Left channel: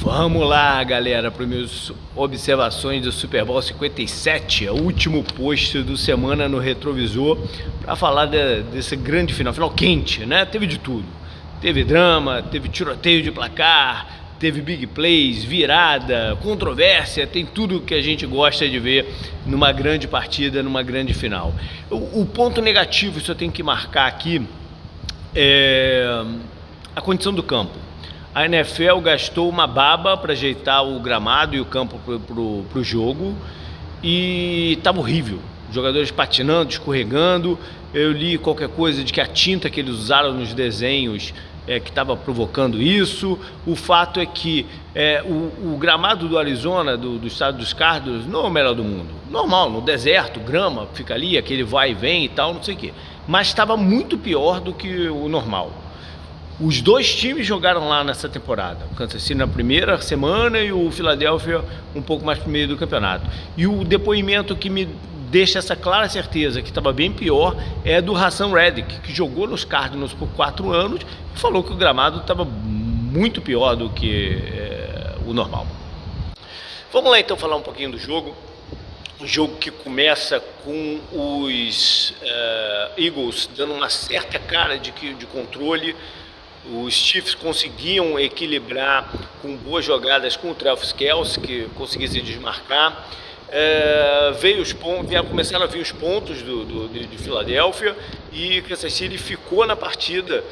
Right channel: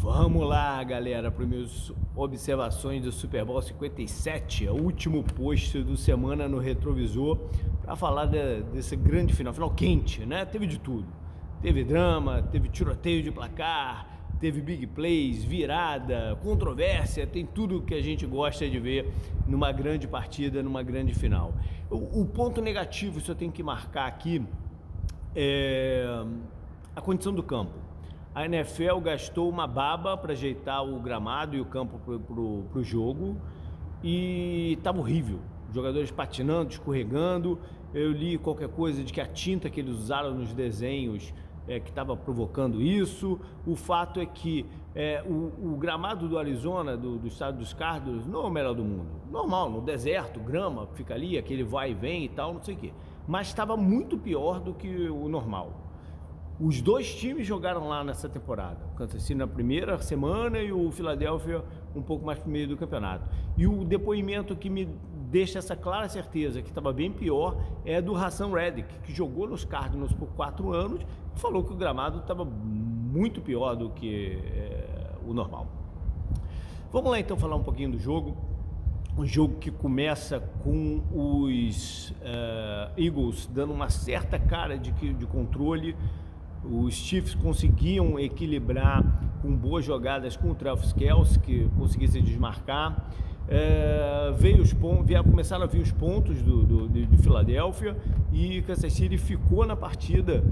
Vamos lá, galera, para minhas observações do Super Bowl 57, o último post do Semana no Retrovisor, para falar desse grande final quente, né? Teve de tudo. Teve drama, teve tiroteio de placar, teve big plays, virada, controvérsia, tem tudo que a gente gosta de ver numa grande partida, numa grande final. O ponto negativo, isso eu tenho que marcar aqui, é a condição do campo. A NFL gastou uma baba para ajeitar o gramado e o campo pro jogo e estava horrível. Jogadores patinando, escorregando. Eu li qualquer coisa de que a tinta que eles usaram nos desenhos que estava provocando isso. O fato é que o gramado do Arizona, do estado dos Cardinals, não é o melhor do mundo. Normal, no deserto, grama, fica ali, aquele vai e vem e tal, não sei o quê. Mas estava muito pior do que o normal. Os dois times jogaram lá nessa temporada, o Kansas City na primeira semana e o Philadelphia um pouco mais pro meio do campeonato. E o depoimento que me deixa essa clara certeza que estava bem pior é do Haason Reddick, que jogou nos Cardinals por 4 anos e falou que o gramado estava muito pior do que o normal. Vamos lá então falar um pouquinho do jogo. Um jogo que começa com os Eagles dando uma certa cara de controle. Os Chiefs conseguiam equilibrar com boas jogadas com o Travis Kelce, que conseguia se desmarcar. Começaram a vir os pontos de Filadélfia e Kansas City ficou na partida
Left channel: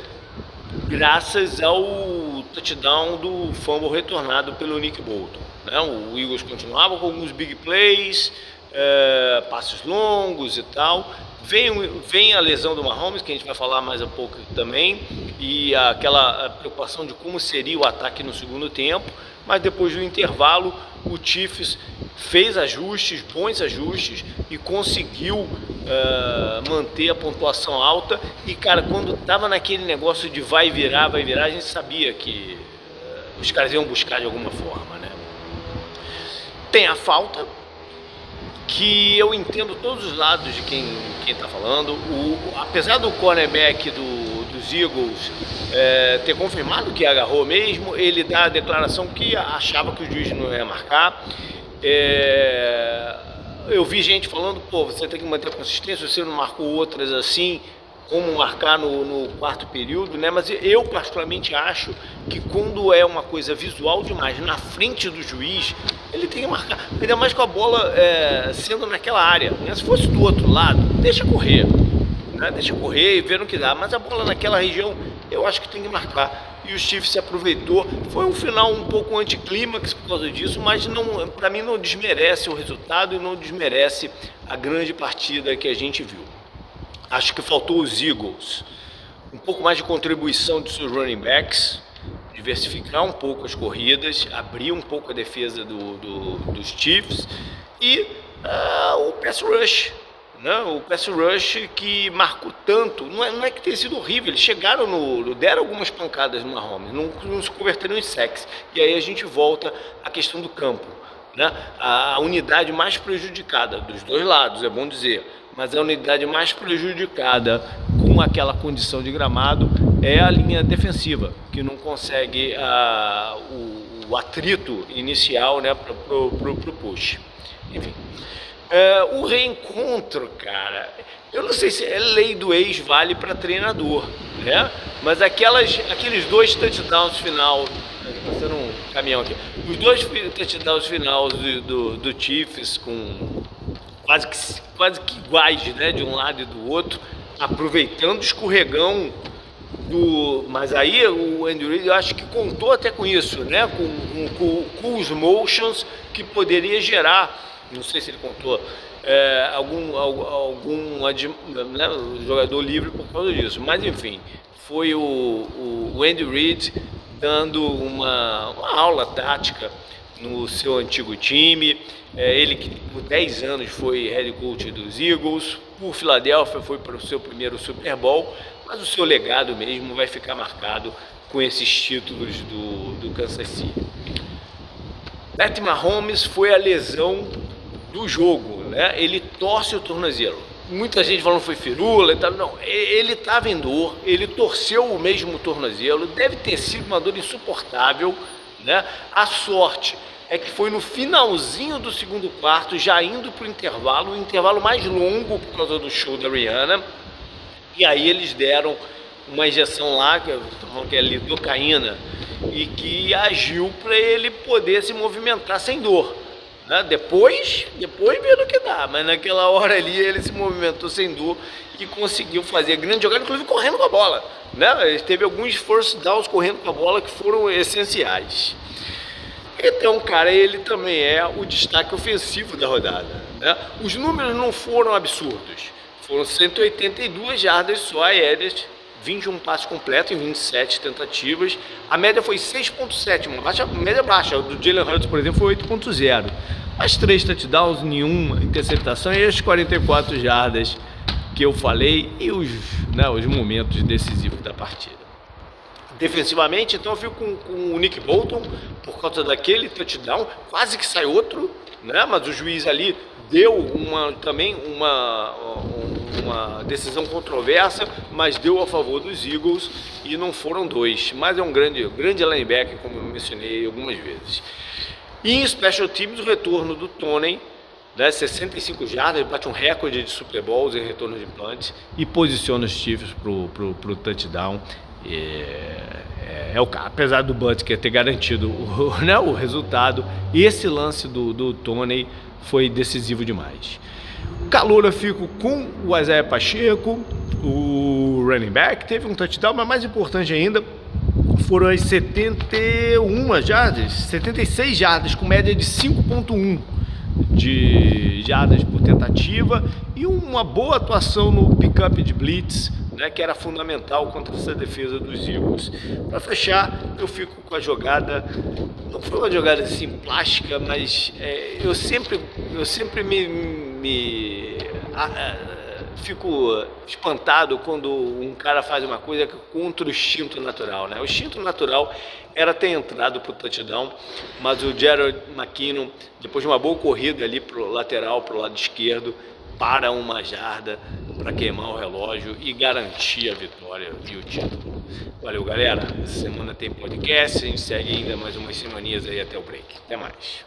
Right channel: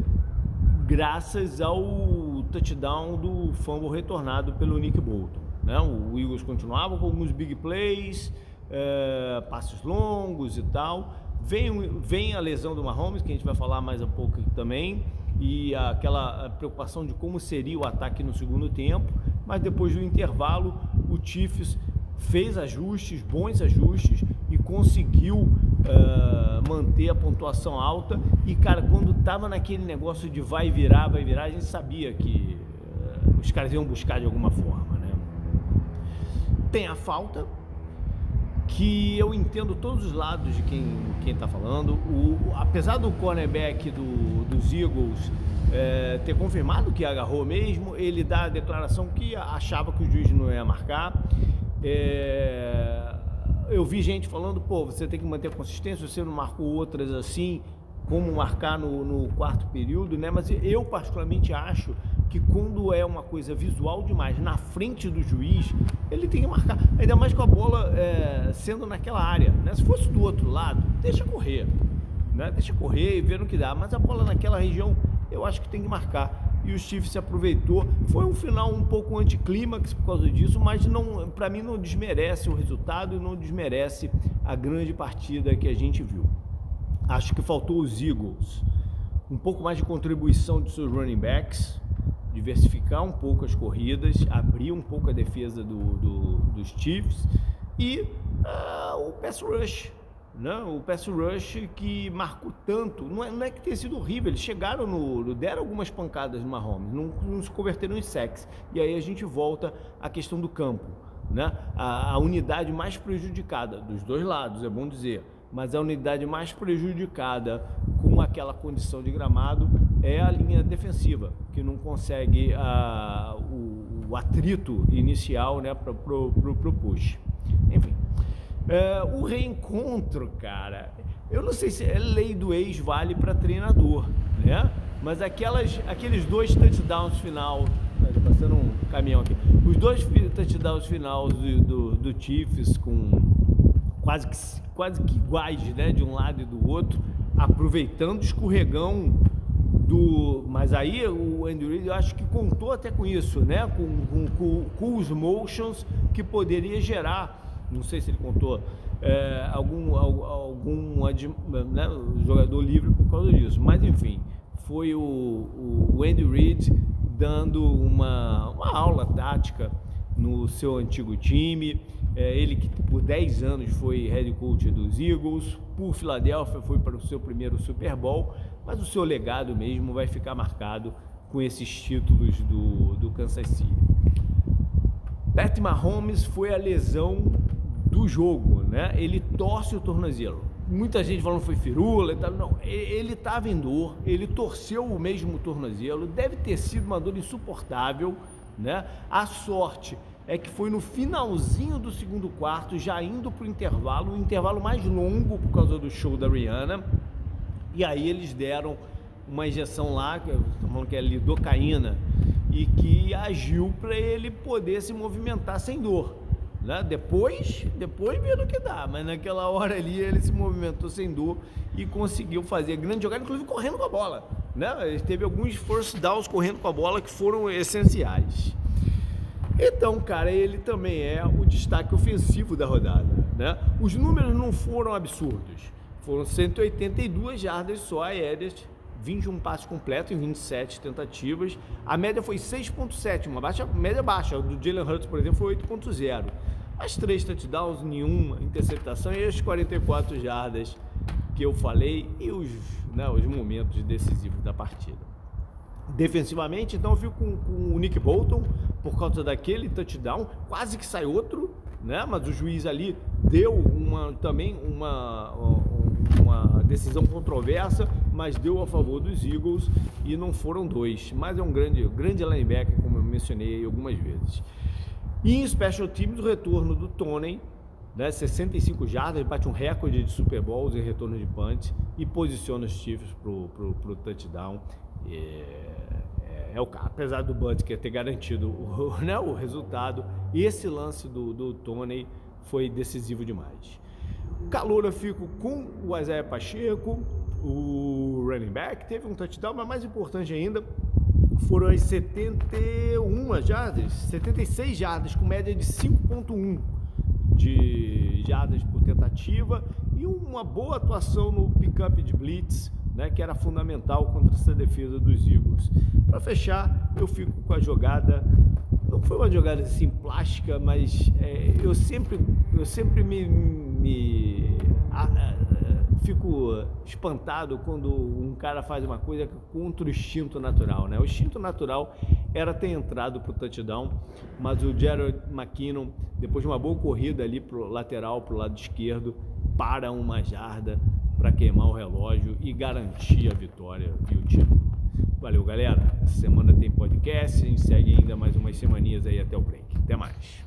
graças ao touchdown do fumble retornado pelo Nick Bolton, né? O Eagles continuava com alguns big plays, passos longos e tal. Vem a lesão do Mahomes, que a gente vai falar mais a pouco também, e aquela preocupação de como seria o ataque no segundo tempo, mas depois do intervalo o Chiefs fez ajustes, bons ajustes, e conseguiu manter a pontuação alta. E cara, quando estava naquele negócio de vai virar, a gente sabia que os caras iam buscar de alguma forma, né? Tem a falta, que eu entendo todos os lados de quem está falando. Apesar do cornerback dos Eagles ter confirmado que agarrou mesmo, ele dá a declaração que achava que o juiz não ia marcar. Eu vi gente falando, você tem que manter a consistência, você não marcou outras assim, como marcar no quarto período, né? Mas eu particularmente acho que quando é uma coisa visual demais na frente do juiz, ele tem que marcar, ainda mais com a bola sendo naquela área, né? Se fosse do outro lado, deixa correr, né? Deixa correr e ver no que dá, mas a bola naquela região eu acho que tem que marcar. E o Chiefs se aproveitou. Foi um final um pouco anticlímax por causa disso, mas para mim não desmerece o resultado e não desmerece a grande partida que a gente viu. Acho que faltou os Eagles um pouco mais de contribuição de seus running backs, diversificar um pouco as corridas, abrir um pouco a defesa dos Chiefs e o pass rush, né? O pass rush que marcou tanto, não é que tenha sido horrível, eles chegaram deram algumas pancadas no Mahomes, não se converteram em sacks. E aí a gente volta à questão do campo, né? A unidade mais prejudicada dos dois lados, é bom dizer, mas a unidade mais prejudicada com aquela condição de gramado é a linha defensiva, que não consegue o atrito inicial, né, pro push. Enfim, o reencontro, cara, eu não sei se lei do ex vale para treinador, né? Mas aqueles dois touchdowns final, passando um caminhão aqui, os dois touchdowns final do Chiefs com quase que iguais, né, de um lado e do outro, aproveitando o escorregão mas aí o Andy Reid, eu acho que contou até com isso, né, com os motions que poderia gerar, não sei se ele contou algum né, jogador livre por causa disso, mas enfim, foi o Andy Reid dando uma aula tática no seu antigo time. Ele que por 10 anos foi head coach dos Eagles, por Filadélfia foi para o seu primeiro Super Bowl, mas o seu legado mesmo vai ficar marcado com esses títulos do Kansas City. Patrick Mahomes foi a lesão do jogo, né? Ele torce o tornozelo. Muita gente falando que foi firula e tal. Não, ele estava em dor, ele torceu o mesmo tornozelo, deve ter sido uma dor insuportável, né? A sorte é que foi no finalzinho do segundo quarto, já indo para o intervalo mais longo por causa do show da Rihanna. E aí eles deram uma injeção lá, que é lidocaína, e que agiu para ele poder se movimentar sem dor. Né? Depois viram o que dá, mas naquela hora ali ele se movimentou sem dor e conseguiu fazer grande jogada, inclusive correndo com a bola. Né? Ele teve alguns first downs correndo com a bola que foram essenciais. Então, cara, ele também é o destaque ofensivo da rodada. Né? Os números não foram absurdos. Foram 182 jardas só aéreas, 21 passes completos em 27 tentativas. A média foi 6.7, uma média baixa. O do Jalen Hurts, por exemplo, foi 8.0. As 3 touchdowns, nenhuma interceptação e as 44 jardas que eu falei e os momentos decisivos da partida. Defensivamente, então eu fico com o Nick Bolton por causa daquele touchdown, quase que sai outro, né? Mas o juiz ali deu também uma decisão controversa, mas deu a favor dos Eagles e não foram 2, mas é um grande linebacker, como eu mencionei algumas vezes. E em Special Teams, o retorno do Toney, né, 65 jardas, ele bate um recorde de Super Bowls em retorno de punts e posiciona os Chiefs pro touchdown. Apesar do Butker ter garantido o resultado, esse lance do Toney foi decisivo demais. Calor eu fico com o Isaiah Pacheco, o running back, teve um touchdown, mas mais importante ainda, foram as 76 jardas, com média de 5.1 de jardas por tentativa e uma boa atuação no pick-up de blitz, né, que era fundamental contra essa defesa dos Eagles. Para fechar, eu fico com a jogada, não foi uma jogada assim plástica, mas eu sempre fico espantado quando um cara faz uma coisa contra o instinto natural, né? O instinto natural era ter entrado pro touchdown, mas o Jared McKinnon, depois de uma boa corrida ali pro lateral, pro lado esquerdo, para uma jarda para queimar o relógio e garantir a vitória e o título. Valeu, galera. Essa semana tem podcast, a gente segue ainda mais umas semaninhas aí até o break. Até mais.